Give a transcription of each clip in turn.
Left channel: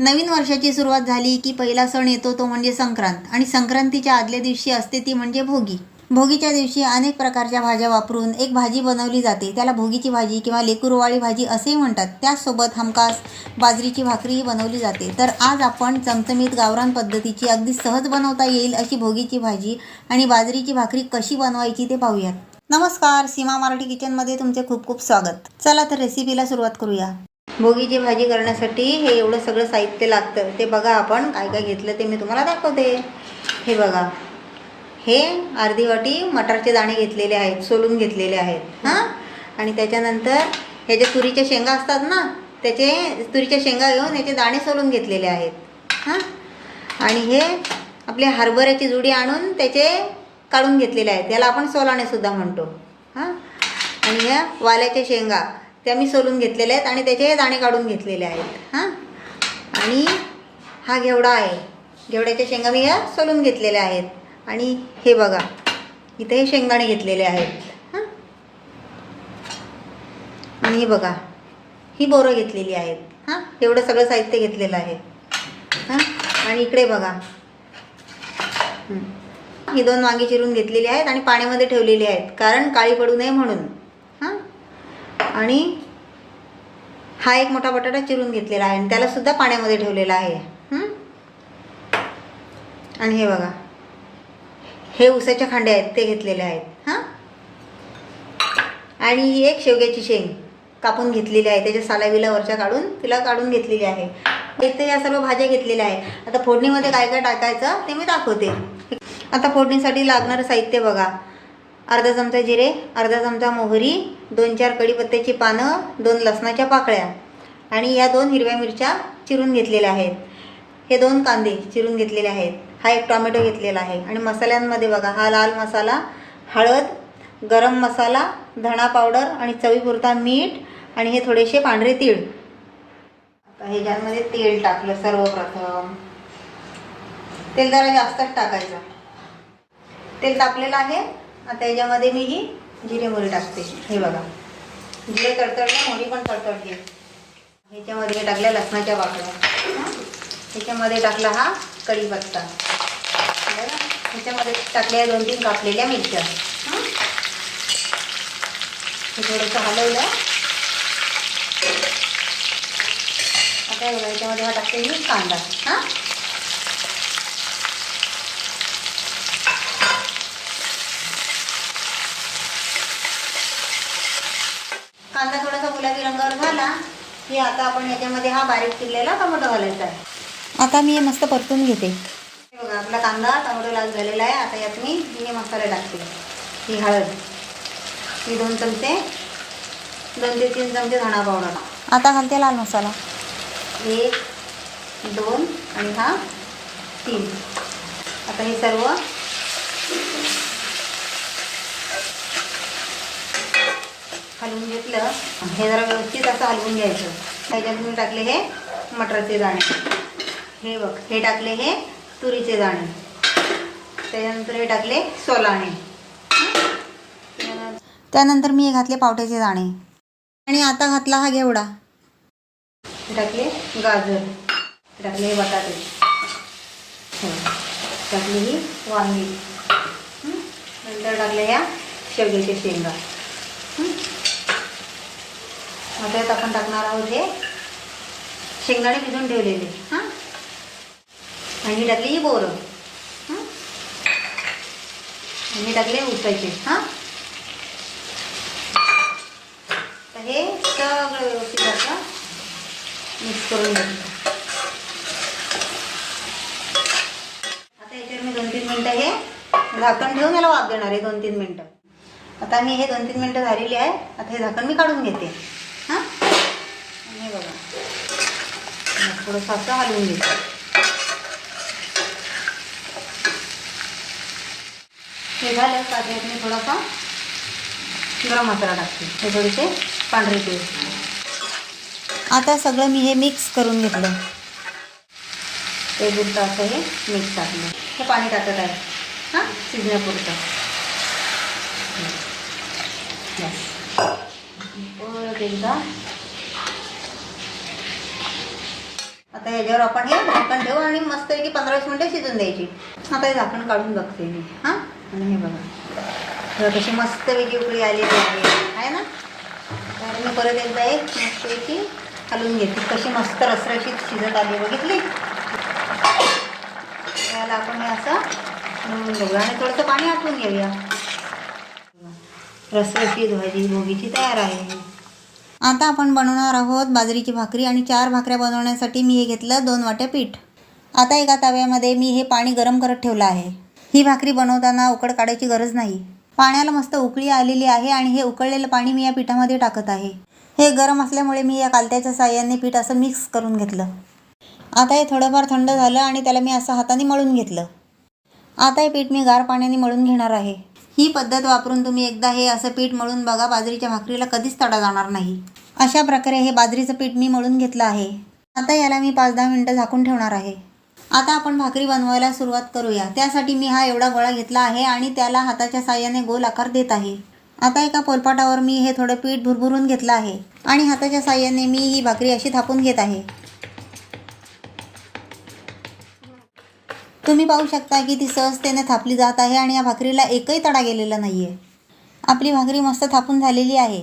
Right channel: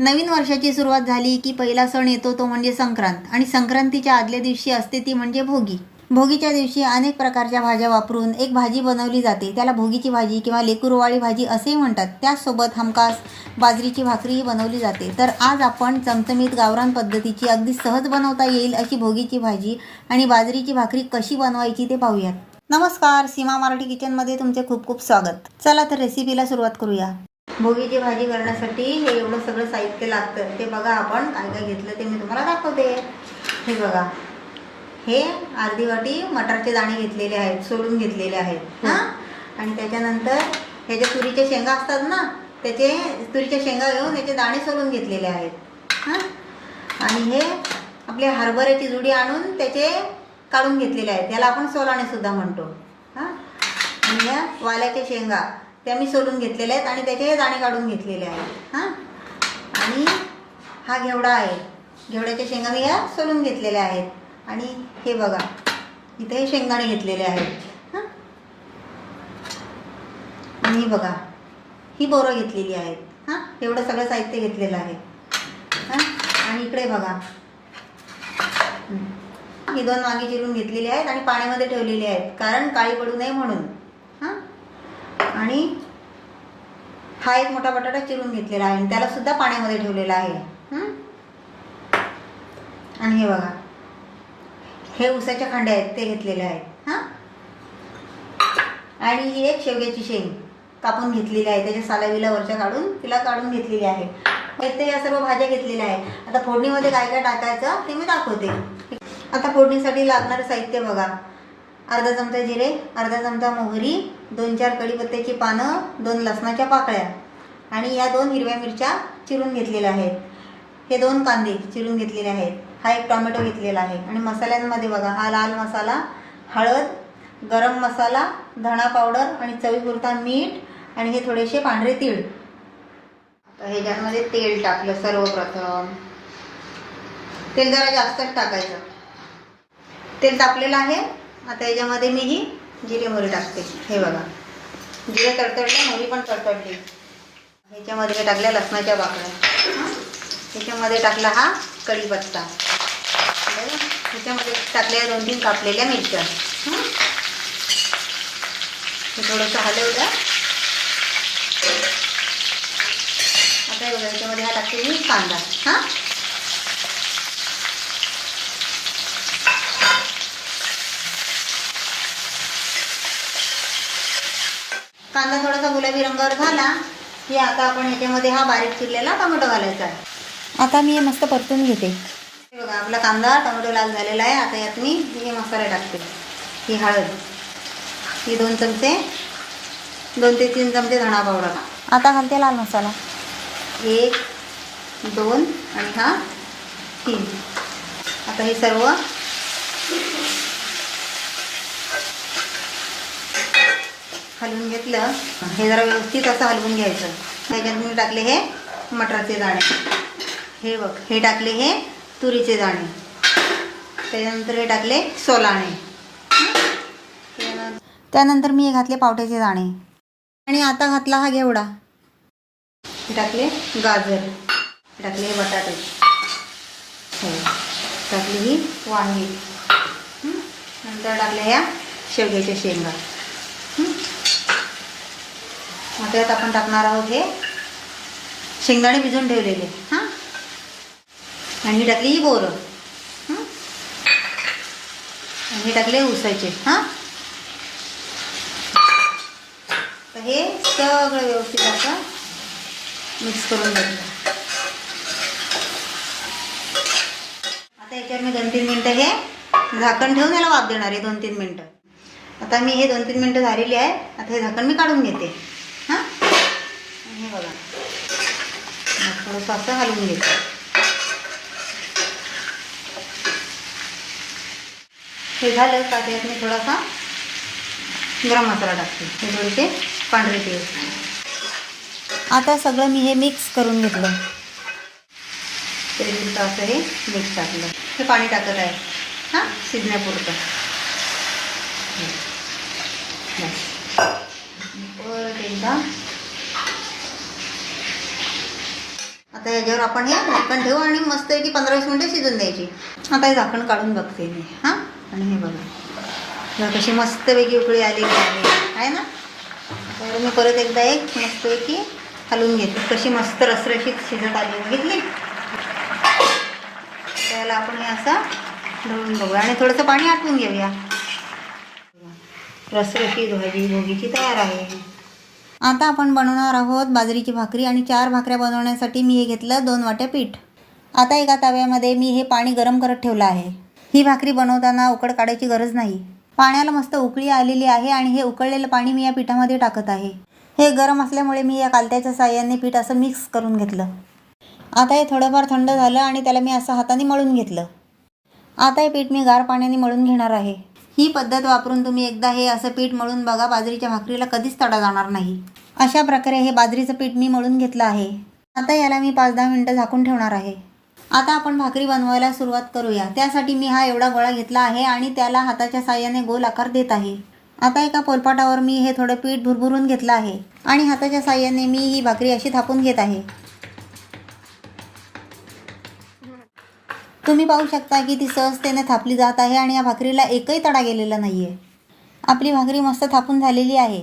नवीन वर्षाची सुरुवात झाली की पहिला सण येतो तो म्हणजे संक्रांत आणि संक्रांतीच्या आदल्या दिवशी असते ती म्हणजे भोगी. भोगीच्या दिवशी अनेक प्रकारच्या भाज्या वापरून एक भाजी बनवली जाते. त्याला भोगीची भाजी किंवा लेकुरवाळी भाजी असेही म्हणतात. त्याचसोबत हमखास बाजरीची भाकरीही बनवली जाते. तर आज आपण चमचमीत गावरान पद्धतीची अगदी सहज बनवता येईल अशी भोगीची भाजी आणि बाजरीची भाकरी कशी बनवायची ते पाहूयात. नमस्कार, सीमा मराठी किचनमध्ये तुमचे खूप खूप स्वागत. चला तर रेसिपीला सुरुवात करूया. भोगीची भाजी करण्यासाठी हे एवढं सगळं साहित्य लागतं. ते बघा आपण काय काय घेतलं ते मी तुम्हाला दाखवते. हे बघा, हे अर्धी वाटी मटारचे दाणे घेतलेले आहेत, सोलून घेतलेले आहेत हां. आणि त्याच्यानंतर ह्याच्या तुरीच्या शेंगा असतात ना, त्याचे तुरीच्या शेंगा घेऊन याचे दाणे सोलून घेतलेले आहेत हां. आणि हे आपले हरभऱ्याची जुडी आणून त्याचे काढून घेतलेले आहेत, याला आपण सोलाणेसुद्धा म्हणतो हां. आणि ह्या वाल्याच्या शेंगा त्या मी सोलून घेतलेल्या आहेत आणि त्याचे दाणे काढून घेतलेले आहेत हां. आणि हा घेवडा आहे, घेवड्याच्या शेंगा मी ह्या सोलून घेतलेल्या आहेत. आणि हे बघा, इथे हे शेंगदाणे घेतलेले आहेत हां. आणि हे बघा, ही बोरं घेतलेली आहेत हां. एवढं सगळं साहित्य घेतलेलं आहे हां. आणि इकडे बघा, ही 2 वांगी चिरून घेतलेली आहेत आणि पाण्यामध्ये ठेवलेली आहेत कारण काळी पडू नये म्हणून हां. आणि हा एक मोठा बटाटा चिरून घेतलेला आहे आणि त्याला सुद्धा पाण्यामध्ये ठेवलेला आहे. आणि हे बघा, हे उसाच्या खांड्या आहेत ते घेतलेले आहेत हां. आणि ही एक शेवग्याची शेंग कापून घेतलेली आहे, त्याच्या सालाविला वरच्या काढून तिला काढून घेतलेली आहे. इथे या सर्व भाज्या घेतलेल्या आहेत. आता फोडणीमध्ये काय काय टाकायचं ते मी दाखवते. आता फोडणीसाठी लागणारं साहित्य बघा, अर्धा चमचा जिरे, अर्धा चमचा मोहरी, 2-4 कढीपत्त्याची पानं, 2 लसणाच्या पाकळ्या आणि या 2 हिरव्या मिरच्या चिरून घेतलेल्या आहेत. हे 2 कांदे चिरून घेतलेले आहेत. हा एक टोमॅटो घेतलेला आहे. आणि मसाल्यांमध्ये बघा, हा लाल मसाला, हळद, गरम मसाला, धणा पावडर आणि चवीपुरता मीठ आणि हे थोडेसे पांढरे तीळ. आता ह्याच्यामध्ये तेल टाकलं. सर्वप्रथम तेल जरा जास्तच टाकायचं. तेल टाकलेलं आहे. आता याच्यामध्ये मी ही जिरे मोहरी टाकते. हे बघा, जिरे तडतडले, मोहरी पण तडतडली. ह्याच्यामध्ये टाकल्या लसणाच्या पाकळ्या, ह्याच्यामध्ये टाकला हा कढीपत्ता, ह्याच्यामध्ये टाकल्या 2-3 कापलेल्या मिरच्या. हे थोडंसं हलवलं. आता बघा, याच्यामध्ये हा टाकते मी कांदा हां. कांदा थोडासा गुलाबी रंगावर झाला की आता आपण ह्याच्यामध्ये हा बारीक चिरलेला टोमॅटो घालायचा आहे. आता मी हे मस्त परतून घेते. हे बघा, आपला कांदा टोमॅटो लाल झालेला आहे. आता यात मी हे मसाले टाकते. ही हळद, ही 2 चमचे, 2 ते 3 चमचे धणा पावडर. आता घालते लाल मसाला, 1, 2 आणि हा 3. आता हे सर्व हलवून घेतलं. हे जरा व्यवस्थित असं हलवून घ्यायचं. त्याच्यात मी टाकले हे मटारचे दाणे, हे बघ, हे टाकले हे तुरीचे दाणे, त्यानंतर हे टाकले सोलाणे, त्यानंतर मी हे घातले पावट्याचे दाणे. आणि आता घातला हा घेवडा, टाकले गाजर, टाकले हे बटाटे, टाकली ही वांगी, नंतर टाकले ह्या शेवग्याच्या शेंगा. त्यात आपण टाकणार आहोत हे शेंगदाणे भिजून ठेवलेले हां. आणि टाकली ही बोरं आणि टाकले उसाचे हां. तर हे सगळं व्यवस्थित असं मिक्स करून घ्यायचं. आता याच्यावर मी 2-3 मिनटं हे झाकण ठेवून याला वाफ देणार आहे. 2-3 मिनटं. आता मी हे 2-3 मिनटं झालेली आहे. आता हे झाकण मी काढून घेते हां. हे बघा, थोडंसं असं हलवून घेते. हे झालं का त्यात मी थोडासा गरम मसाला टाकते, हे थोडेसे पांढरे तीळ. आता सगळं मी हे मिक्स करून घेतलं. तेलपुरतं असं हे मिक्स टाकलं. हे पाणी टाकत आहे हां, शिजण्यापुरतं. परत एकदा आता याच्यावर आपण हे झाकण ठेवू आणि मस्तपैकी 15-20 मिनिटं शिजून द्यायची. आता हे झाकण काढून बघते मी. हां, आणि हे बघा कशी मस्तपैकी उकळी आलेली आहे ना. तर मी परत एकदा एक मस्तपैकी हलवून घेते. कशी मस्त रसरशीत शिजत आली बघितली. त्याला आपण हे असं हलवून बघूया आणि थोडंसं पाणी आटवून घेऊया. रसरशीत भाजी भोगीची तयार आहे. आता आपण बनवणार आहोत बाजरीची भाकरी आणि 4 भाकऱ्या बनवण्यासाठी मी हे घेतलं 2 वाट्या पीठ. आता एका तव्यामध्ये मी हे पाणी गरम करत ठेवलं आहे. ही भाकरी बनवताना उकड काढायची गरज नाही. पाण्याला मस्त उकळी आलेली आहे आणि हे उकळलेलं पाणी मी या पिठामध्ये टाकत आहे. हे गरम असल्यामुळे मी या कालत्याच्या साहाय्याने पीठ असं मिक्स करून घेतलं. आता हे थोडंफार थंड झालं आणि त्याला मी असं हाताने मळून घेतलं. आता हे पीठ मी गार पाण्याने मळून घेणार आहे. ही पद्धत वापरून तुम्ही एकदा हे असं पीठ मळून बघा. बाजरीच्या भाकरीला कधीच तडा जाणार नाही. अशा प्रकारे हे बाजरीचं पीठ मी मळून घेतलं आहे. आता याला मी 5-10 मिनिटं झाकून ठेवणार आहे. आता आपण भाकरी बनवायला सुरुवात करूया. त्यासाठी मी हा एवढा गोळा घेतला आहे आणि त्याला हाताच्या साहाय्याने गोल आकार देत आहे. आता एका पोलपाटावर मी हे थोडं पीठ भुरभुरून घेतलं आहे आणि हाताच्या साहाय्याने मी ही भाकरी अशी थापून घेत आहे. तुम्ही पाहू शकता की ती सहजतेने थापली जात आहे आणि या भाकरीला एकही तडा गेलेला नाही आहे. आपली भाकरी मस्त थापून झालेली आहे.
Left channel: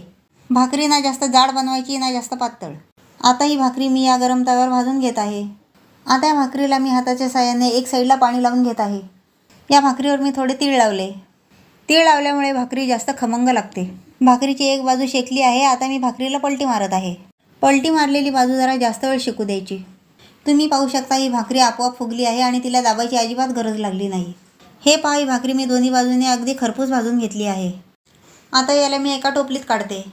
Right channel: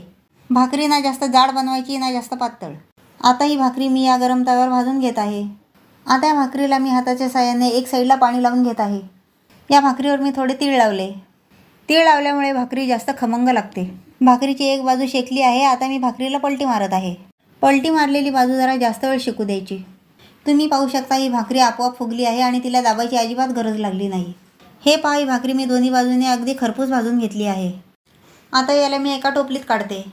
भाकरी ना जास्त जाड बनवायची ना जास्त पातळ. आता ही भाकरी मी या गरम तव्यावर भाजून घेत आहे. आता या भाकरीला मी हाताच्या साहाय्याने एक साईडला पाणी लावून घेत आहे. या भाकरीवर मी थोडे तीळ लावले. तीळ लावल्यामुळे भाकरी जास्त खमंग लागते. भाकरीची एक बाजू शेकली आहे. आता मी भाकरीला पलटी मारत आहे. पलटी मारलेली बाजू जरा जास्त वेळ शेकू द्यायची. तुम्ही पाहू शकता ही भाकरी आपोआप फुगली आहे आणि तिला दाबायची अजिबात गरज लागली नाही. हे पहा, ही भाकरी मी दोन्ही बाजूने अगदी खरपूस भाजून घेतली आहे. आता याला मी एका टोपलीत काढते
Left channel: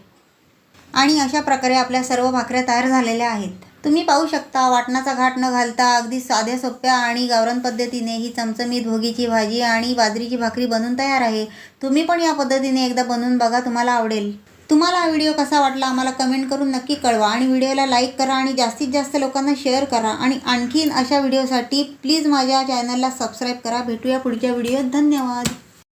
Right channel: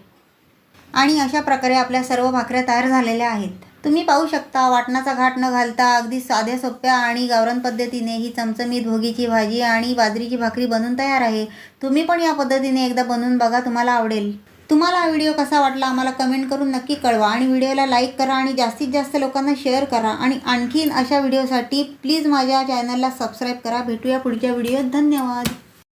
आणि अशा प्रकारे आपल्या सर्व भाकऱ्या तयार झालेल्या आहेत. तुम्ही पाहू शकता वाटणाचा घाट न घालता अगदी साध्या सोप्या आणि गावरान पद्धतीने ही चमचमीत भोगीची भाजी आणि बाजरीची भाकरी बनवून तयार आहे. तुम्ही पण या पद्धतीने एकदा बनवून बघा, तुम्हाला आवडेल. तुम्हाला हा व्हिडिओ कसा वाटला आम्हाला कमेंट करून नक्की कळवा आणि व्हिडिओला लाईक करा आणि जास्तीत जास्त लोकांना शेअर करा आणि आणखीन अशा व्हिडिओसाठी प्लीज माझ्या चॅनलला सबस्क्राईब करा. भेटूया पुढच्या व्हिडिओत. धन्यवाद.